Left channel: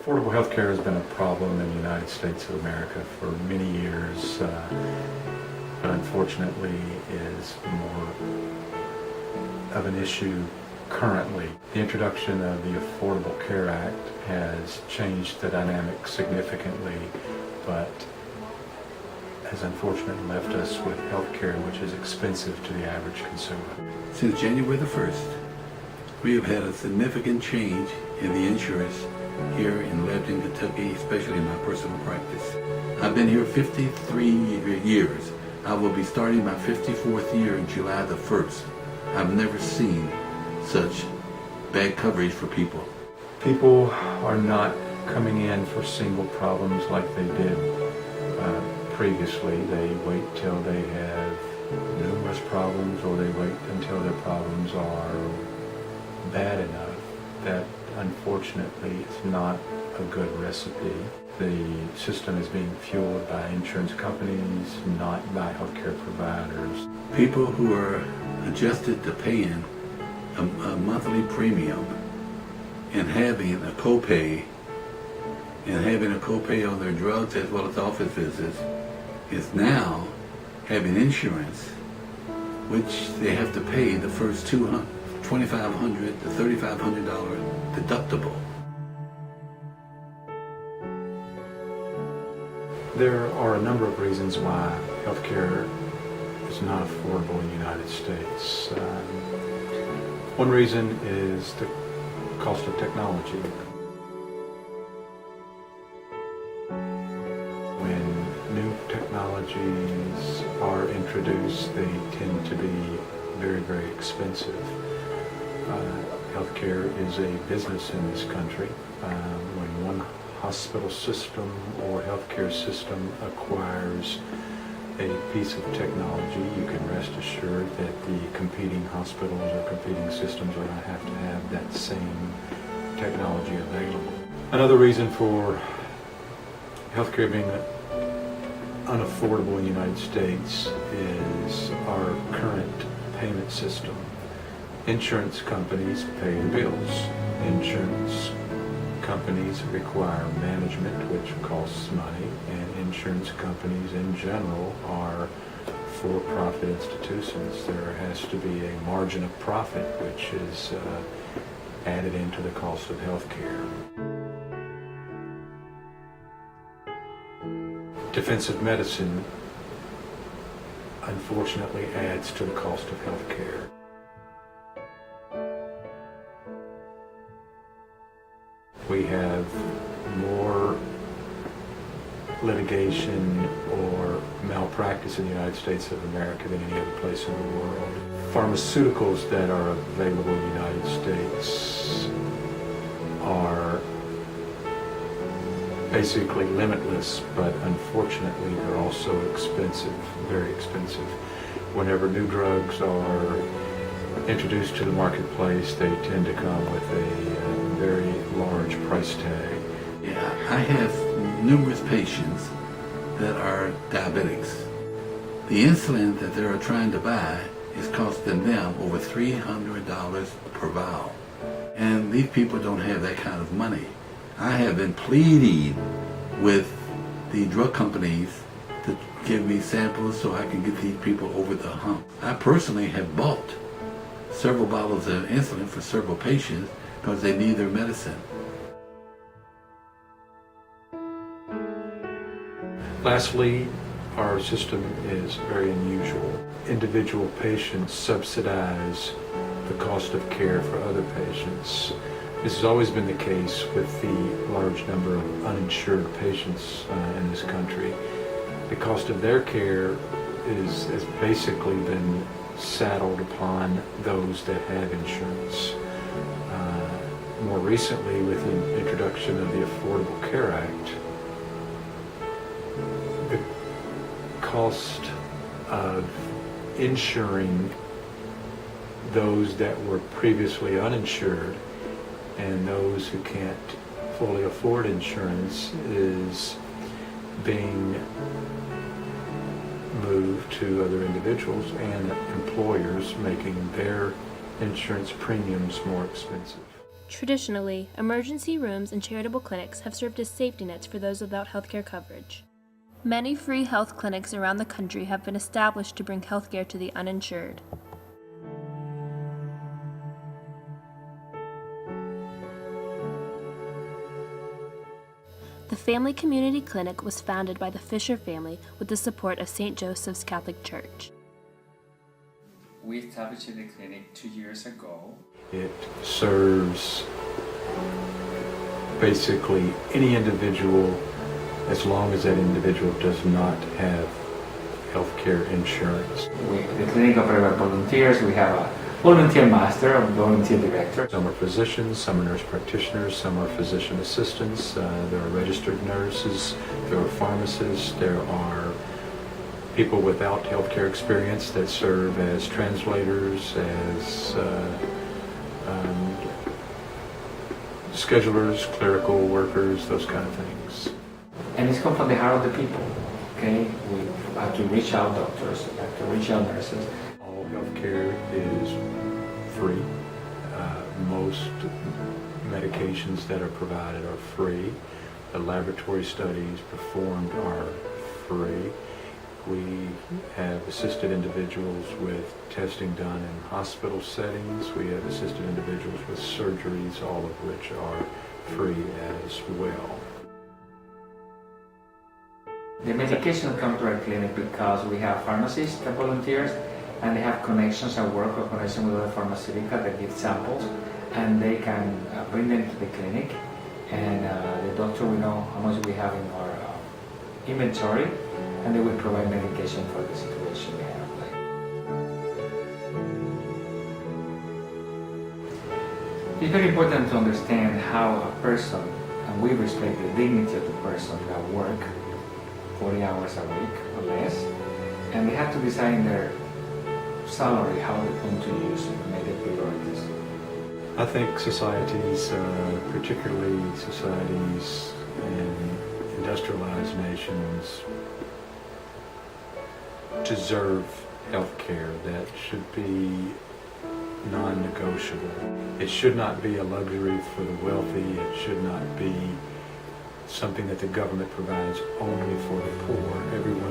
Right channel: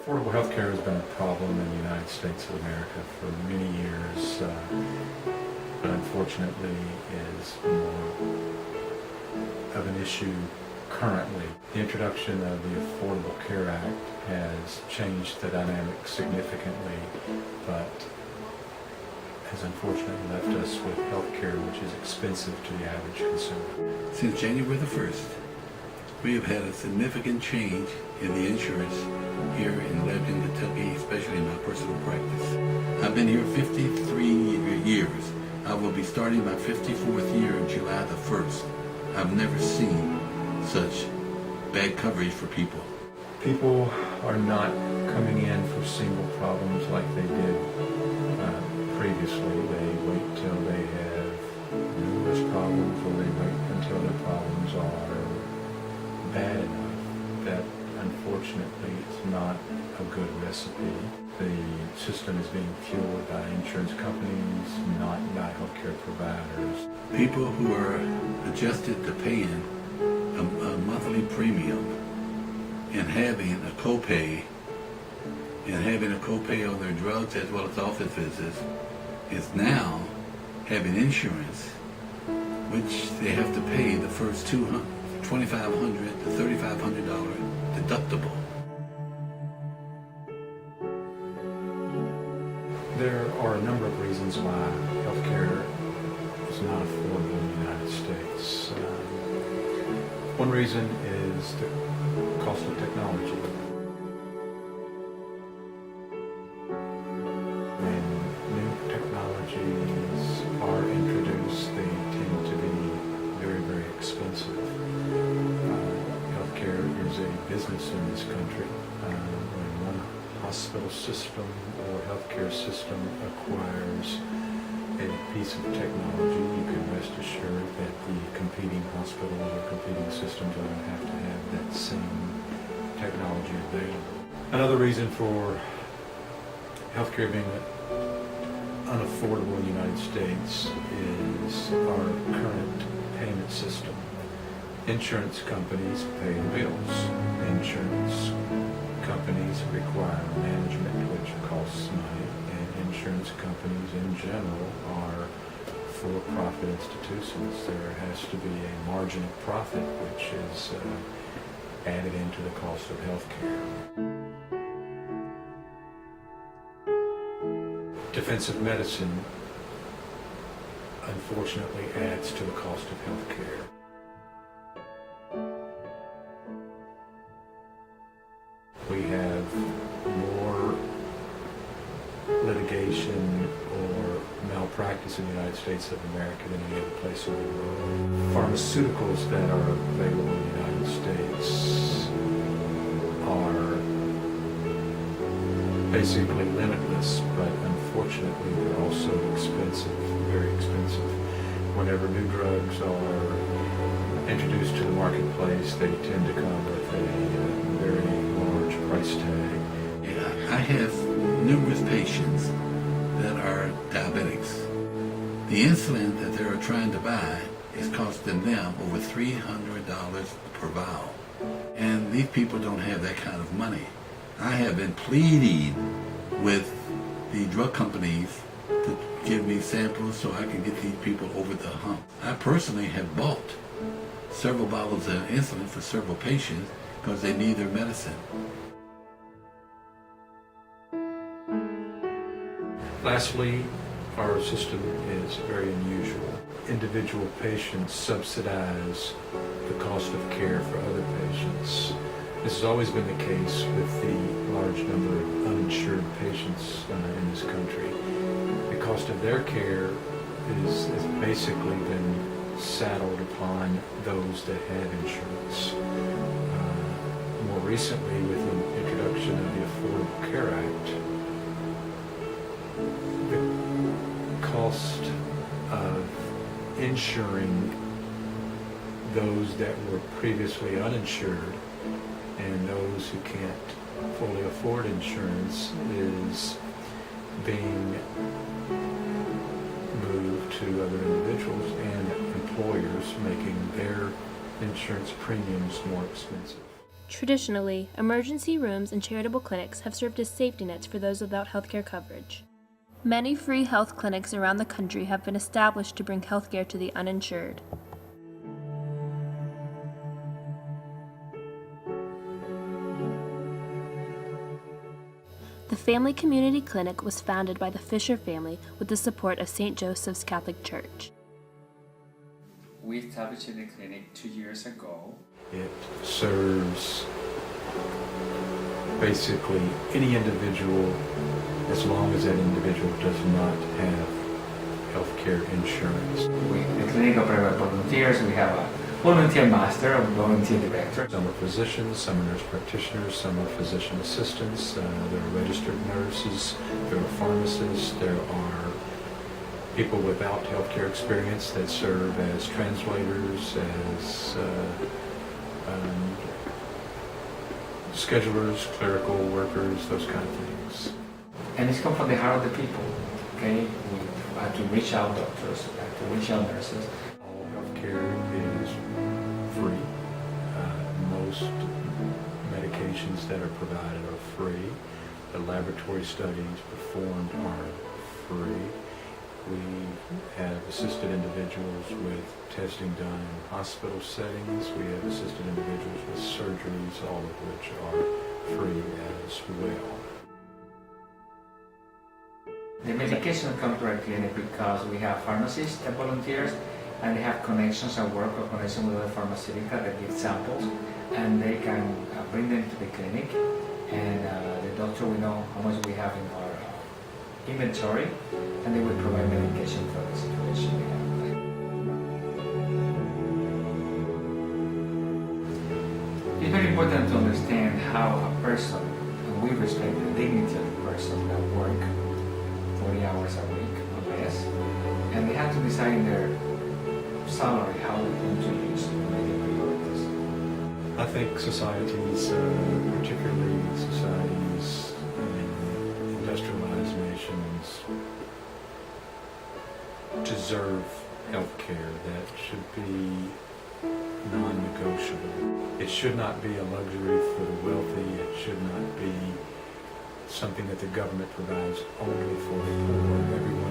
Affordable health care has been a problem in the United States of America for many years, but unfortunately is more of an issue currently. The introduction of the Affordable Care Act has changed the dynamic significantly, but has unfortunately left us with health care which is expensive to the average consumer. Since January the 1st, we have had a significant change in the insurance here in Lebanon, Kentucky, especially in my personal practice. I've been here 53 years. I will be starting my 54th year in July the 1st. I've never seen such bad coverage for people. People are not coming in for single problems like they did previously. They wait till they have numerous problems, or they wait until their problems are bad enough. That unfortunately is not a good recipe. The system is being fueled by insurance companies, not by healthcare providers. People who are adjusted to paying a monthly premium and having a copay on their drugs as well as office visits is now having insurance, which they have to pay the first $2,500 to $3,500 deductible. There are a number of reasons why healthcare is not affordable in the United States. One reason is the cost of technology. When new technologies are introduced, they tend to be very, very expensive. Healthcare is a business in this country. When one hospital system or healthcare system acquires a piece of technology, you can rest assured that the competing hospitals or competing systems are going to have that same technology available. Another reason for healthcare being unaffordable in the United States is our current payment system. Insurance companies pay the bills. Insurance companies require management, which costs money, and insurance companies in general are for-profit institutions. There has to be a margin of profit which is added into the cost of health care. Defensive medicine unfortunately adds to the cost of health care. We have more litigation or malpractice in the United States of America than any other place in the world. Pharmaceuticals that are available in the United States are basically limitless, but unfortunately they're also expensive, very expensive. Whenever new drugs are introduced to the marketplace, they tend to come with a very large price tag. Yeah, I have numerous patients that are diabetics. The insulin that they're trying to buy is costing them over $300 per vial. And these people don't have that kind of money. I have been pleading with the drug companies to give me samples so I can get these people over the hump. I personally have bought several bottles of insulin for several patients because they need their medicine. Lastly, our system is very unusual. Individual patients subsidize the cost of care for other patients. This has always been the case with the large number of uninsured patients in this country. The cost of their care has basically been saddled upon those that have insurance. More recently, with the introduction of the Affordable Care Act, the cost of insuring those that were previously uninsured and those who can't fully afford insurance is being moved to other individuals and employers, making their insurance premiums more expensive. Traditionally, emergency rooms and charitable clinics have served as safety nets for those without healthcare coverage. Many free health clinics around the country have been established to bring healthcare to the uninsured. The Family Community Clinic was founded by the Fisher family with the support of St. Joseph's Catholic Church. We established the clinic 2 years ago. It serves basically any individual as long as that individual does not have healthcare insurance. The clinic operates by volunteers. We have a volunteer master, a volunteer director. Some are physicians, some are nurse practitioners, some are physician assistants, there are registered nurses, there are pharmacists, there are people without healthcare experience that serve as translators, as schedulers, clerical workers, those kind of things. And it's come from the heart of the people, okay? We have to reach out doctors, we have to reach out nurses. All healthcare is free. Most medications that are provided are free. The laboratory studies performed are free. We have assisted individuals with testing done in hospital settings. We have assisted individuals with surgeries, all of which are free as well. The medication comes to our clinic because we have pharmacists that volunteers, and they have connections and work or connection with other pharmaceuticals that give samples, and they can bring them to the clinic, and the doctor will know how much we have in our inventory, and they will provide medication for the situation we have. It's very important to understand how a person, and we respect the dignity of the person that work 40 hours a week or less, and they have to decide in their salary how we're going to use and make the priorities. I think societies, particularly societies in industrialized nations, deserve health care that should be non-negotiable. It should not be a luxury for the wealthy. It should not be something that the government provides only for the poor. Everyone